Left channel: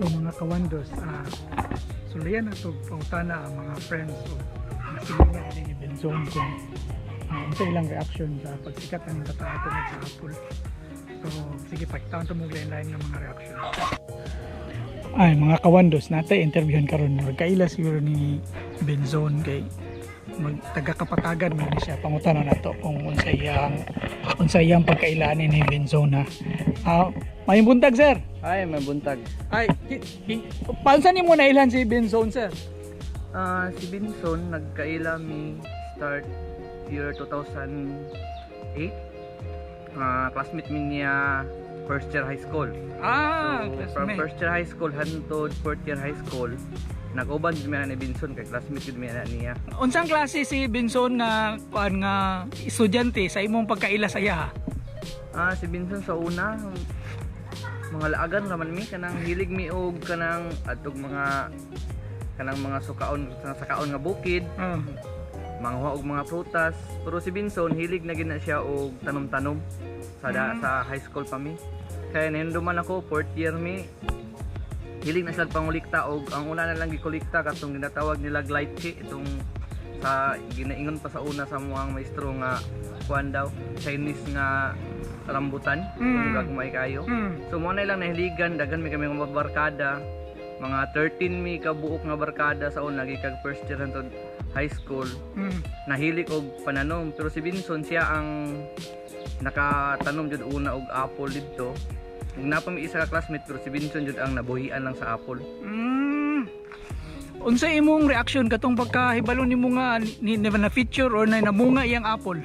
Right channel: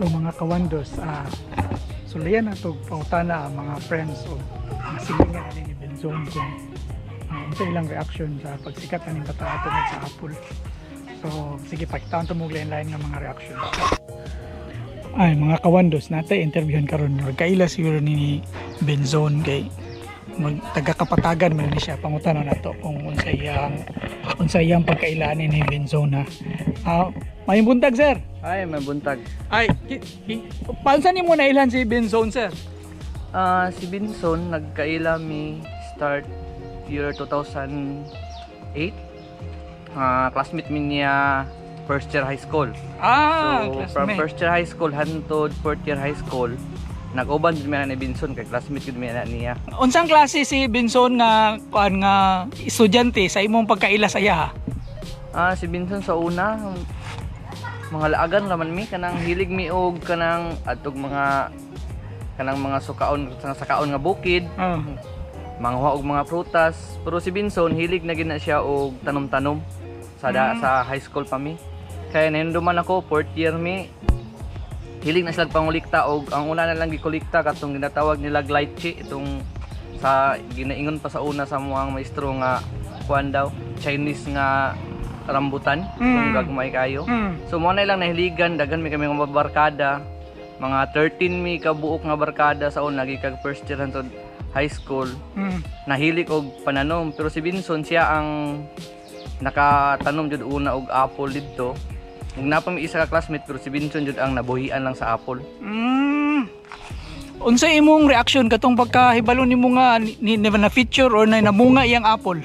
So mga kawandos, sulayan na ito pautana ang mga friends o masilingan ni Benzon kung unsa ilang reaction sa pagsikat ng kataatong sa Apple. So sige, pakitaan ito mong lain-lain ng mga reactions. Ay mga kawandos, natay interviewin karon nagkaila siguro ni Benzon kay taga-kapatagan man ni siya, pangutana na to kung unsa iyang pagkailanin ni Benzon ha. May buntag sir. Ay, may buntag. Ay, paansa ni mo nailan si Benzon sir? Si Benzon nagkaila mi start year 2008. Classmate mi niya first year high school. So from first year high school hantod fourth year high school, nag-uban gid mi ni Benzon kay classmate gid mi niya. Unsang klase si Benzon nga estudyante sa imong pagkaila sa iya? Si Benzon sa una mga laagan raman mi, kanang hilig mi og kanang adtog mga sukaon sa kaon nga bukid. Manghuwa og mga prutas, pero si Benzon hilig na gina siya og tanom-tanom sa high school pa mi. Kaya nahinduman ako fourth year mi, hilig na sila pangulikta og ang una na lang gikolekta katong ginatawag nila lychee, itong sa ginaingon pa sa una sa mga maestro nga kuan daw Chinese nga rambutan, kung gagmay kayo. So mo na lang nahiligan, daghan mi kami mga barkada, mga 13 mi ka buok nga barkada sa una gikag first year hangtod high school. Nahilig og pananom, pero si Benzon siya ang nakatanom jud una og apple didto. Ug napa mi isa ka classmate, pero si Benzon jud ang nabuhian lang sa apple. Unsa imong reaction katong pagkahibalo nimo nga ni na feature or na namunga iyang apple?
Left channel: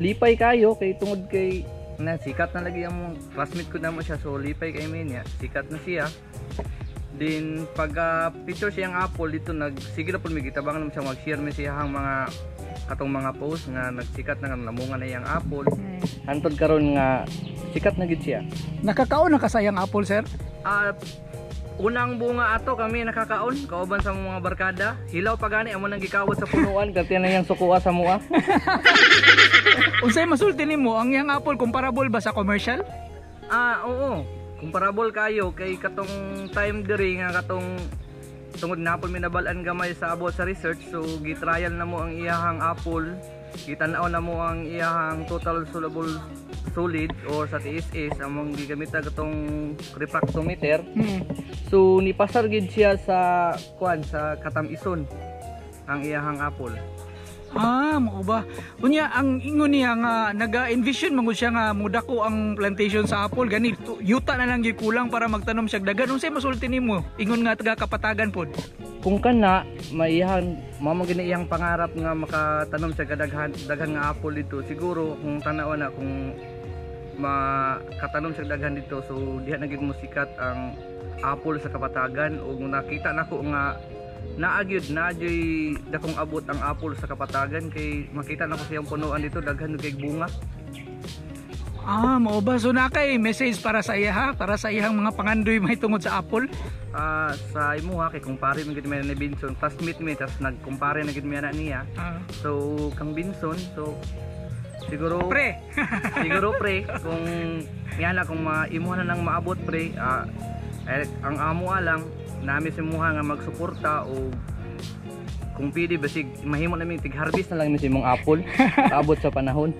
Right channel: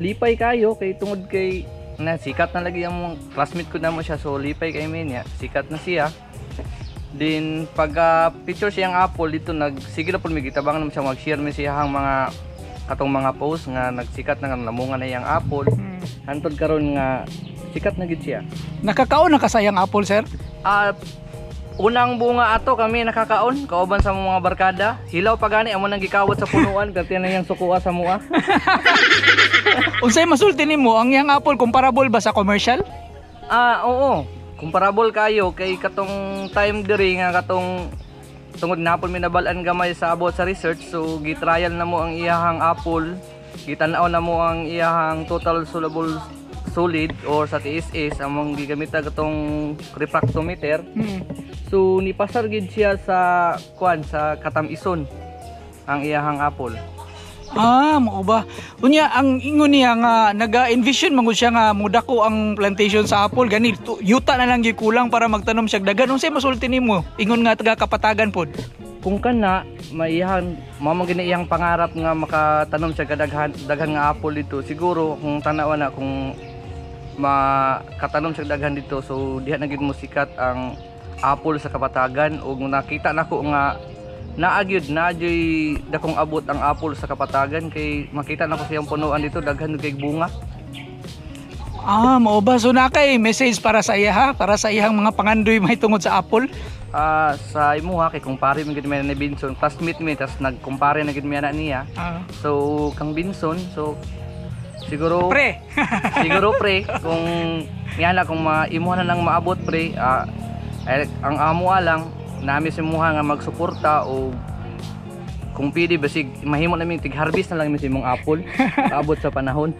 Lipay kayo kay tungod kay na sikat na lagi ang classmate ko na mo siya, so lipay kay niya, sikat na siya. Then pag picture siyang apple dito, sige na po may gitabang naman siya, mag-share mi siya ang mga katong mga post nga nagsikat na namunga na iyang apple. Hantod karon nga sikat na gid siya. Nakakaon na kasayang apple sir? Unang bunga ato kami nakakaon, kauban sa mga barkada. Hilaw pa gani amo nang gikawot sa punuan, kati na yang sukuha sa mua. Unsay masulti nimo, ang yang apple comparable ba sa commercial? Oo. Comparable kayo kay katong time diri nga katong tungod na apple minabalan gamay sa abot sa research, so gitrial na mo ang iyahang apple, gitanaw na mo ang iyahang total soluble solid or sa TSS among gigamita katong refractometer. So nipasar gid siya sa kuan sa Katamison ang iyahang apple. Mao ba? Unya ang ingon niya nga naga-envision mangud siya nga mudako ang plantation sa apple gani yuta na lang gikulang para magtanom siya dagan. Unsay masulti nimo? Ingon nga taga Kapatagan pod. Kung kana maihan mao gini iyang pangarap nga makatanom siya daghan nga apple dito. Siguro kung tanaw na kung makatanom siya daghan dito, so diha na gid mo sikat ang apple sa Kapatagan. Ug nakita nako nga naagyud dakong abot ang apple sa Kapatagan kay makita na ko siyang punuan dito daghan kay bunga. Mao ba? So na kay message para sa iya ha, para sa iyang mga pangandoy may tungod sa apple. Sa imo ha, kay kumpare mi gid mi ni Benzon, classmate mi, tas nagkumpare na gid mi ana niya. So kang Benzon, so siguro pre kung yana kung imo na lang maabot pre, ang amo lang nami si muha nga magsuporta o kung pwede basig mahimo namin tig-harvest na lang mi sa imong apple abot sa panahon.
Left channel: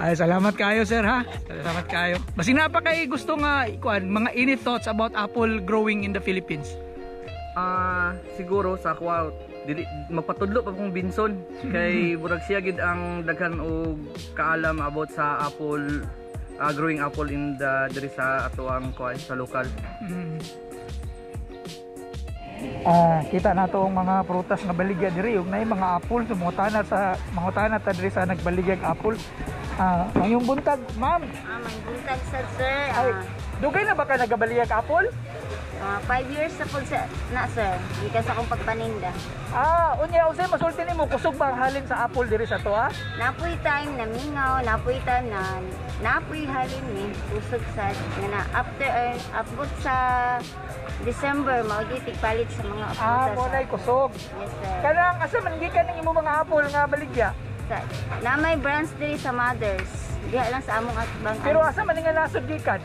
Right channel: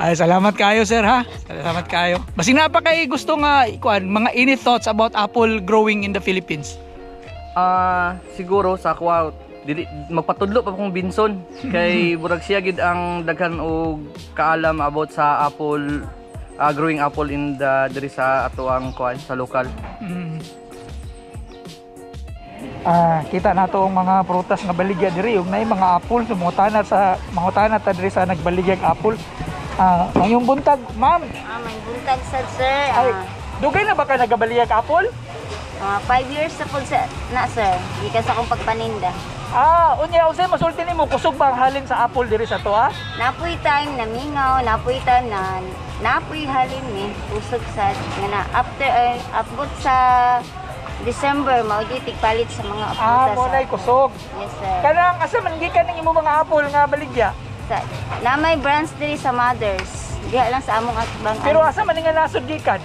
Salamat kayo sir ha. Salamat kayo. Basig na pa kay gusto nga ikuan mga any thoughts about apple growing in the Philippines? Siguro sa ako dili magpatudlo pa kung Benzon kay burag siya gid ang daghan og kaalam about sa apple, growing apple in the diri sa ato ang kuan sa lokal. Kita na to ang mga prutas nga baligya diri ug nay mga apple sumutana ta diri sa nagbaligyag apple. Ngayong buntag ma'am. May buntag sad sir. Dugay na ba ka nagabaligag apple? 5 years na po na sir, gikan sa akong pagpaninda. Unya usay masulti nimo kusog ba ang halin sa apple diri sa to ha? Napoy time na mingaw, napoy time na napoy halin ni usog sad nga na after abot sa December mao gitig palit sa mga prutas. Mo nay kusog. Yes sir. Kanang asa man gikan ning imo mga apple nga baligya? Na may branch diri sa Mothers. Diha lang sa among atbang. Pero asa man nga nasod gikan?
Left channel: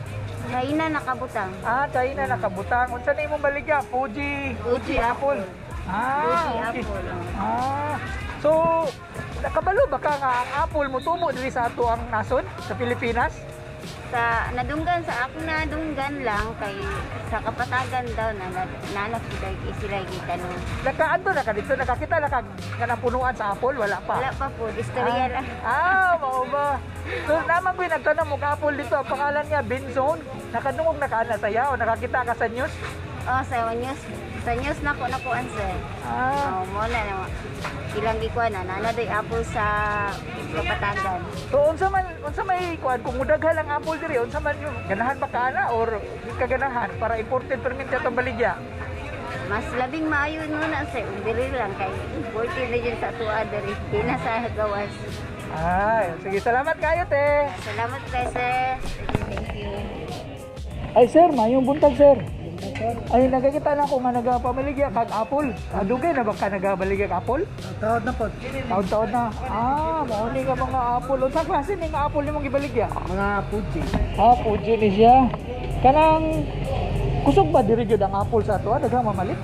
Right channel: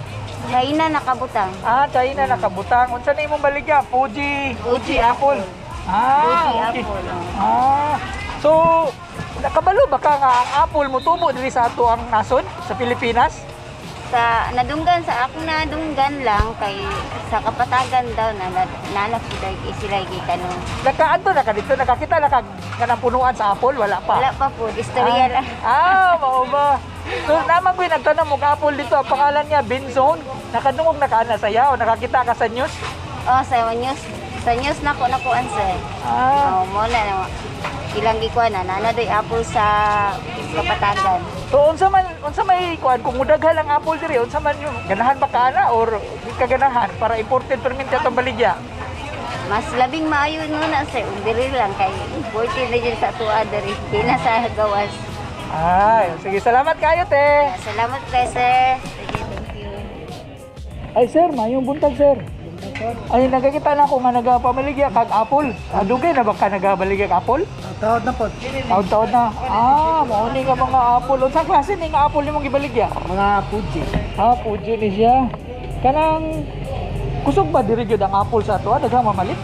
Haina nakabutang. China nakabutang. Unsa na imong baligya? Fuji apple. Fuji Okay. apple. So nakabalo ba ka nga ang apple mo tubo diri sa ato ang nasod sa Pilipinas? Sa nadunggan lang kay sa kapatagan daw na nanak sila gitanong. Nakaadto na ka dito, nakakita na ka kanang punuan sa apple, wala pa. Wala pa po, istorya lang. Mao ba? So naman ko nagtanong mo apple dito, ang pangalan niya Benzone. Nakadungog na ka na saya o nakakita ka sa news? Oh, sa news. Sa news nako answer. Oh, mo na ilang gikuan na doy apple sa kapatagan. So unsa may kuan kung mudaghan ang apple diri, unsa man yung ganahan ba kana or di ka ganahan para imported permit atong baligya? Mas labing maayo na sa diri lang kay imported na dyan sa tuwa diri. Di na sa gawas. Sige, salamat kayo te. Salamat kay sir. Sige, thank you. Ay sir, mayong buntag sir. Ay nagakita na ko nga nagapamaligya kag apple. Dugay na ba ka nagabaligya kag apple? Taon na po. Taon na. Mao ni nga mga apple. Unsa klase ning apple nimong gibaligya? Mga Fuji. Fuji ni siya. Kanang kusog ba diri gyud ang apple sa ato? Daghang mamalit.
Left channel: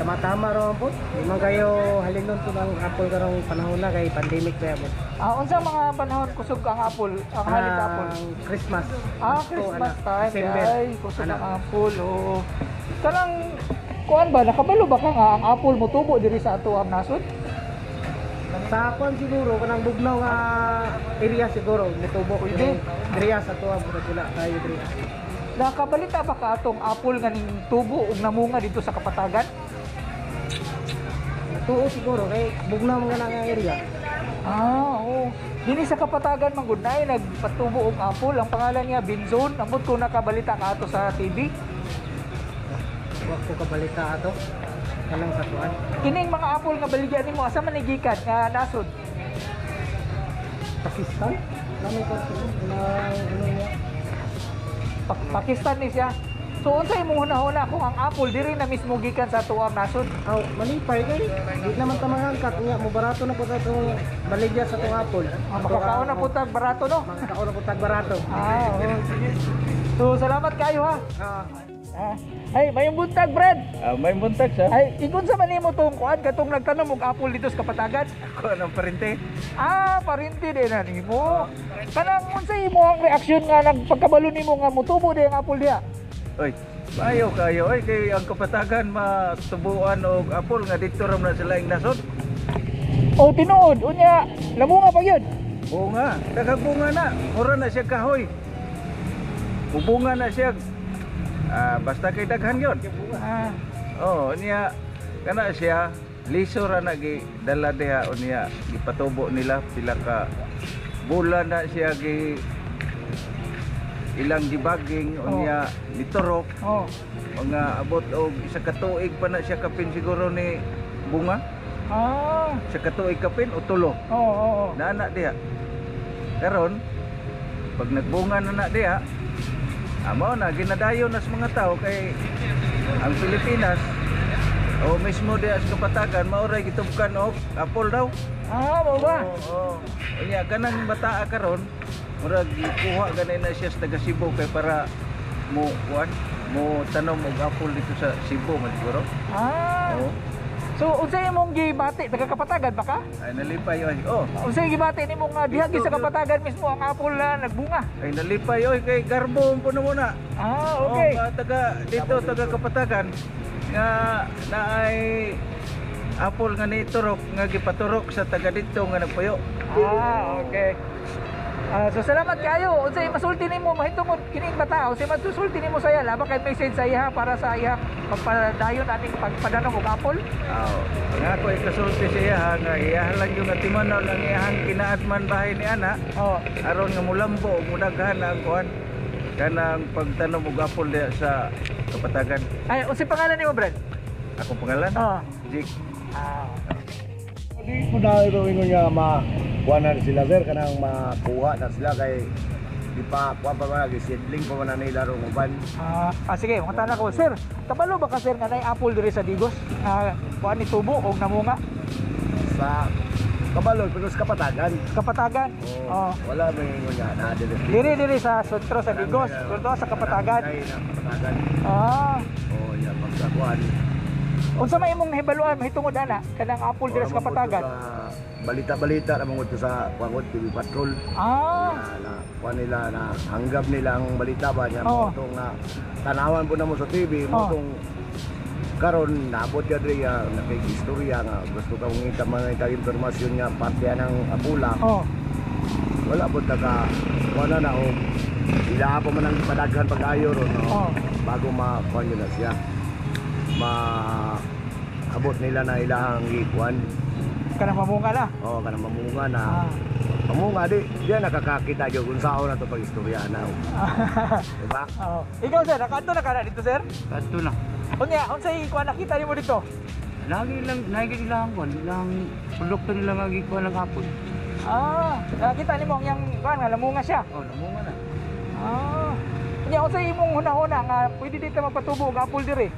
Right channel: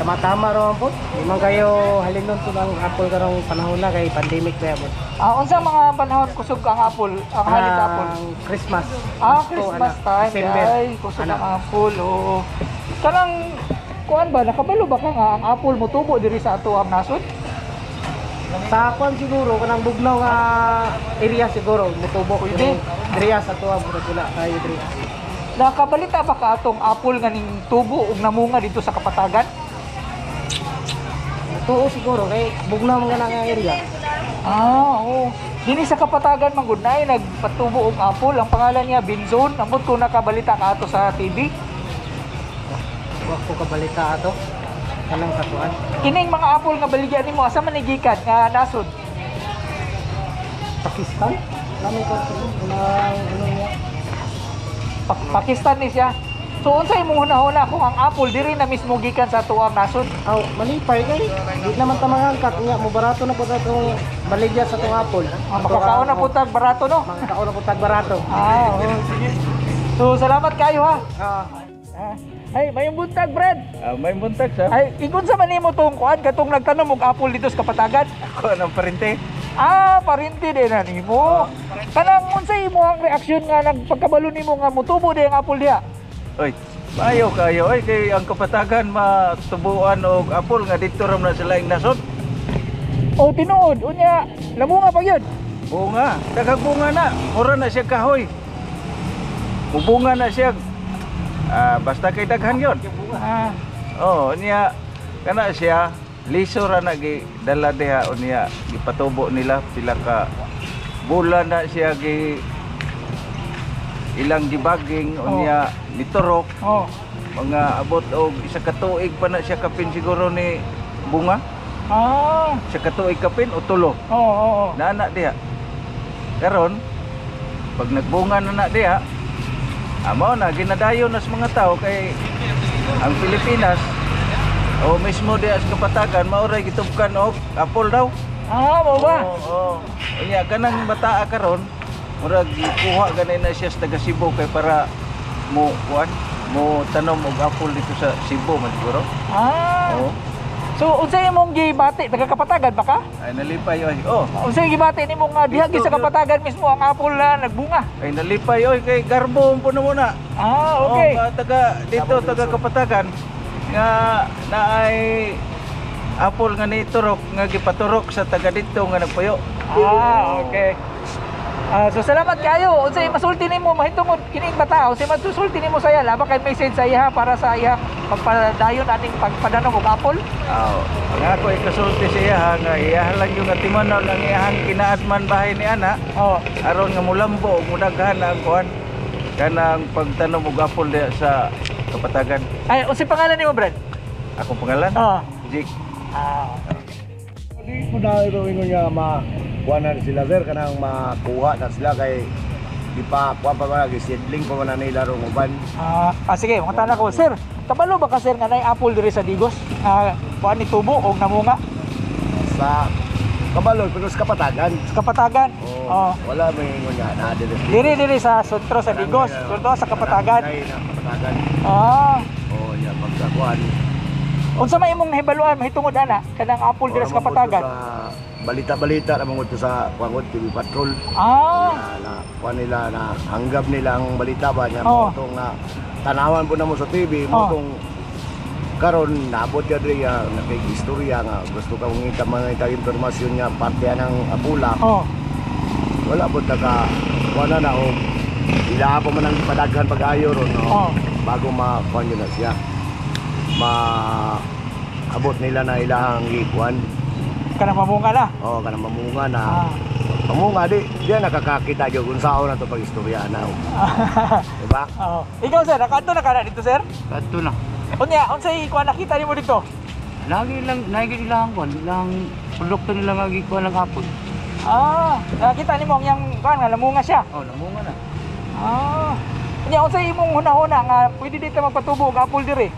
Tama-tama ron po. Di man kayo halingnon to ng apple karong panahon na kay pandemic na po. Unsa mga panahon kusog ang apple? Ang halit sa apple? Christmas. Christmas time. December. Ay, kusog ang apple. Kanang kuan ba nakabalo ba ka nga ang apple mo tubo diri sa ato ang nasod? Sa kuan siguro kanang bugnaw nga area siguro mutubo Pwede. diri sa tuwa pula kayo diri. Nakabalita ba ka atong apple nga ning tubo ug namunga dito sa kapatagan? Tuo siguro kay bugnaw nga nga area. Oo. Dini sa kapatagan man gud nay nagpatubo og apple. Ang pangalan niya Benzone. Amot ko nakabalita ka ato sa TV. Wa ko kabalita ato. Kanang katuan. Kining mga apple nga baligya nimo asa man gikan nga nasod? Pakistan. Namin ko ano niya. Pakistan ni siya. So unsa imong hunahuna kung ang apple diri na mismo gikan sa tuwang nasod? Malipay kay di naman tamangangkat nga mo barato na po sa itong baligya sa itong apple. Makakaon na putag barato no? Makakaon na po tag barato. Sige. So salamat kayo ha. Ay, mayong buntag, Brad. May buntag sa. Ay, ikon sa man nimo tong kuan katong nagtanom og apple dito sa kapatagan. Ako ng parente. Parinti din na nimo. Kanang unsa imo ang reaksyon nga nagpagkabalo nimo nga mutubo di ang apple diha? Oy, maayo kayo oy kay ang kapatagan matubuan og apple nga dito ram na sila ing nasod. O tinuod unya lamunga pa gyud. Bunga, bunga na. Mura na siya kahoy. Mubunga na siya. Basta kay daghan yon. Niya kana siya liso ra na gi dala diha unya gipatubo nila pila ka bulan na siya gi ilang dibaging unya niturok. Mga abot og isa ka tuig pa na siya kapin siguro ni bunga. Isa ka tuig kapin o tulo. Na anak diha. Karon pag nagbunga na diha, amo na ginadayon nas mga tao kay ang Pilipinas o mismo diha sa kapatagan maoray gitubkan og apple daw. Mao ba? Unya kanang bataa karon murag kuha ganay na siya sa taga Cebu kay para mo tanom og apple dito sa Cebu man siguro. So unsay imong gibati taga kapatagan ba ka? Ay nalipay oy. Unsay gibati nimo nga diha gi sa kapatagan mismo ang apple na nagbunga? Ay nalipay oy kay garbo puno mo na. Okay. Taga dito taga kapatagan nga naay apple nga niturok nga gipaturok sa taga dito nga nagpuyo. Okay. So salamat kayo. Unsay masulti nimo mahitungod kining bata? Unsay masusulti nimo saya laba kay message sa iya para sa iya pagpadayon ating pagpadanom og apple? Nga ako ikasulti siya nga iya lang yung atimanon ang iyang kinaadman bahay ni ana. Aron nga mulambo ug mudaghan ang kuan kanang pagtanom og apple diha sa kapatagan. Ay, unsay pangalan nimo, Brad? Akong pangalan? Jake. Di mo na ito nga makuha na sila sir, kanang makuha na sila kay di pa kuha pa mga seedling pa man nila rong uban. Sige, mangutana ko, sir. Kabalo ba ka sir nga nay apple diri sa Digos? Kuan ni tubo og namunga? Sa Kabalo, pero sa Kapatagan. Kapatagan. Oh. Wala may ingon nga na Diri sa Sutro sa Digos, Sutro sa Kapatagan. Kapatagan. Ah. Oh, ya pagkakuan. Unsa may imong hibaluan mahitungod ana kanang apple diri sa Kapatagan? Balita-balita namang ito sa Pangot TV Patrol. Ah. Na kuan nila na hanggap nila ang balita ba niya Oh. mo tong tanawan po na mo sa TV mo Oh. tong karon naabot ya diri nakikistorya nga gusto ka mangita mga impormasyon nga parte ng apula. Oh. Wala po taga wala na o ila pa man ang padaghan pag-ayo ron no. Oh. Bago ma-kuan yun na siya. Abot nila na ilahang ikuan. Kanang mamunga na. Oh, kanang mamunga na. Ah. Mamunga di diya nakakakita jud kung saan na to pag-istorya na. Diba? Oh. Ikaw sir, nakaadto na kana dito sir? Kadto na. Unya, unsay kuan nakita nimo dito? Lagi ilang kuan, ilang produkto nila nga gikuan ng hapon. Ah, nakita nimo ang yang kuan nga lamunga siya. Oh, namunga na. Ah. Unya, unsay imong hunahuna nga pwede dito magpatubo og apple diri?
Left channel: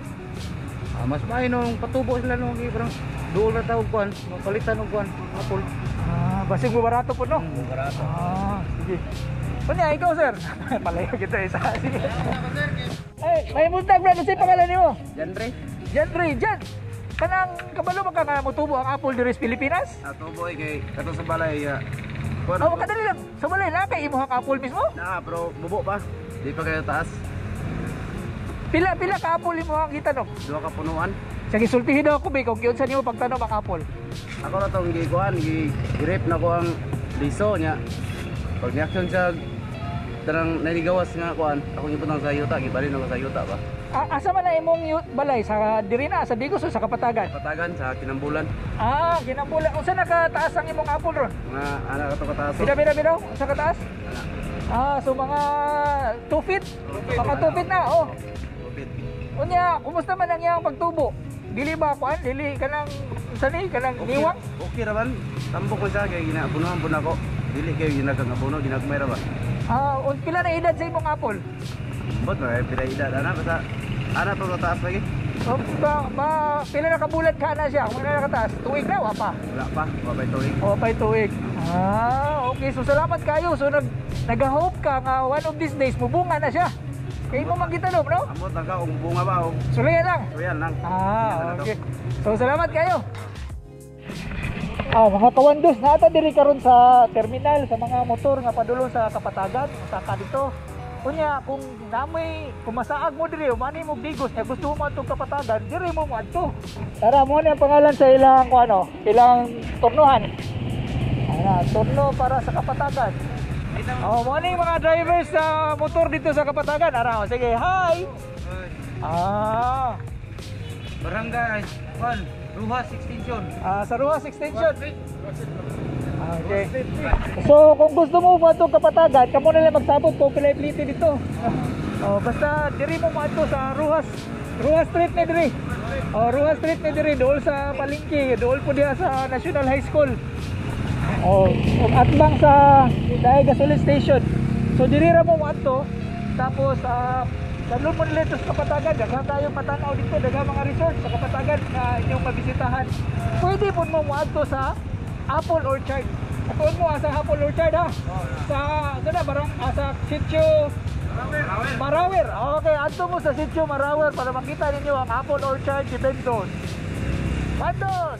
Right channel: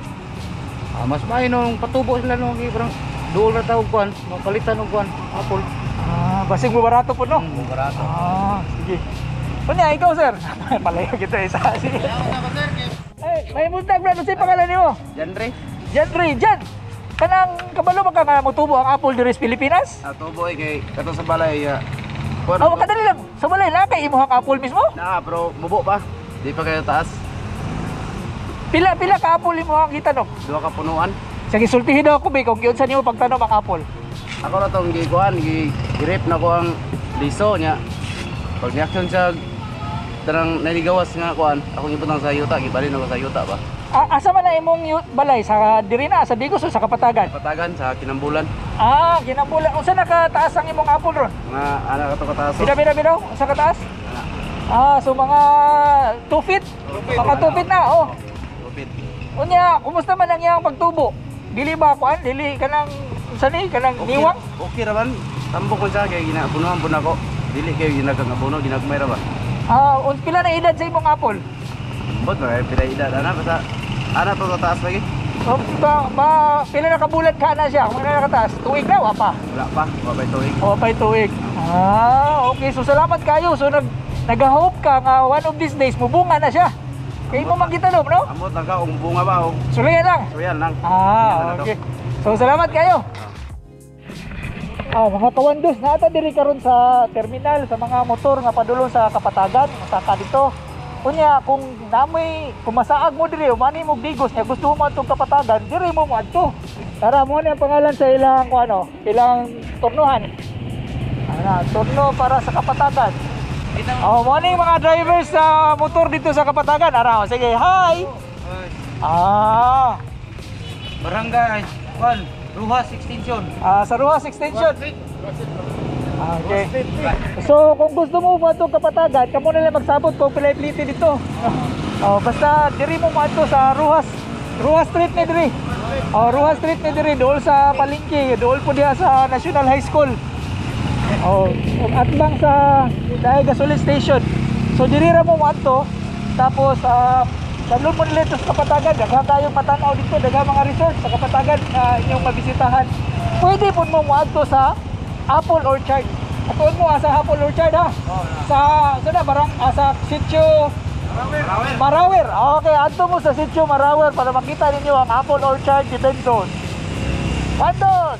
Mas maayo nung patubo sila nung parang duol na tawag kuan, mapalitan og kuan, apple. Ah, basig mo barato po no? Barato. Ah, sige. Unya, ikaw sir. Palayo kita isa. Sige. Ay, may muntag brad, unsay pangalan nimo? Janre. Jan. Kanang kabalo ba ka nga motubo ang apple diri sa Pilipinas? Tubo kay kato sa balay Oh, kadali lang. Sa balay na kay imong apple mismo? na pero bubo pa. Di pa kayo taas. Pila ka apple imong ang gitanong? Duha ka punuan. Sige, sultihin daw ako, Bey, kung yun sa nyo pagtanong ang apple. Ako na tong gikuan, gi-grip na ko ang liso niya. Pag ni-action siya tarang naligawas nga kuan, ako ibutang sa yuta, gibalin ako sa yuta ba. Asa man na imong balay? Sa diri na, sa Digos o sa Kapatagan? Patagan sa Kinambulan. Ginambulan. Unsa nakataas ang imong apple ron? Nga anak ka to kataas. Bida. Unsa kataas? So mga 2 feet? Mga 2 feet na, oh. Lupit. Unya, kumusta man ang iyang pagtubo? Dili ba kuan? Dili kanang sani kanang niwang? Okay ra man. Tambok ko siya kay ginabunuhan po nako. Dili kay ginagabuno, ginagmay ra ba. Pila na edad sa imong apple? Bot na pila edad ana basta ana to taas lagi. Pila na kabulat ka na siya? Kung na nakataas? Tuig na, wapa? Wala pa, mabay tuig. Pay tuig. Okay. So salamat kayo. So nag-hope ka nga one of these days mubunga na siya. Kaya mo magitalom, no? Amot lang ka kung bunga ba o. Sulayan lang. So yan lang. Okay. So salamat kayo. Mga kawandos, naata diri karon sa terminal sa mga motor nga padulong sa Kapatagan, saka dito. Kunya kung namoy kumasaag mo diri, mani mo Digos, nya gusto mo adtong Kapatagan, diri mo adto. Tara mo ang pangalan sa ilang ilang turnuhan. Turno para sa Kapatagan. Morning mga drivers sa motor dito sa Kapatagan. Sige, hi. Barangay Ruhas Extension. Sa Ruhas Extension. Okay. So kung gusto mo matong Kapatagan, kamo na lang magsabot kung pilitin dito. Basta diri mo mato sa Ruhas Street ni diri. Ruhas Street ni diri dool sa palengke, dool po diha sa National High School. Atbang sa dahil gasoline station. So diri ra mo mato. Tapos dalon mo nila ito sa Kapatagan. Daghang kayong matanaw dito, daghang mga resort sa Kapatagan na inyong mabisitahan. Pwede po mo mato sa Apple Orchard. Atuon mo sa Apple Orchard ha. Sa Sitio Marawer. Okay, ato mo sa Sitio Marawer para makita ninyo ang Apple Orchard ni Benson. Pantos!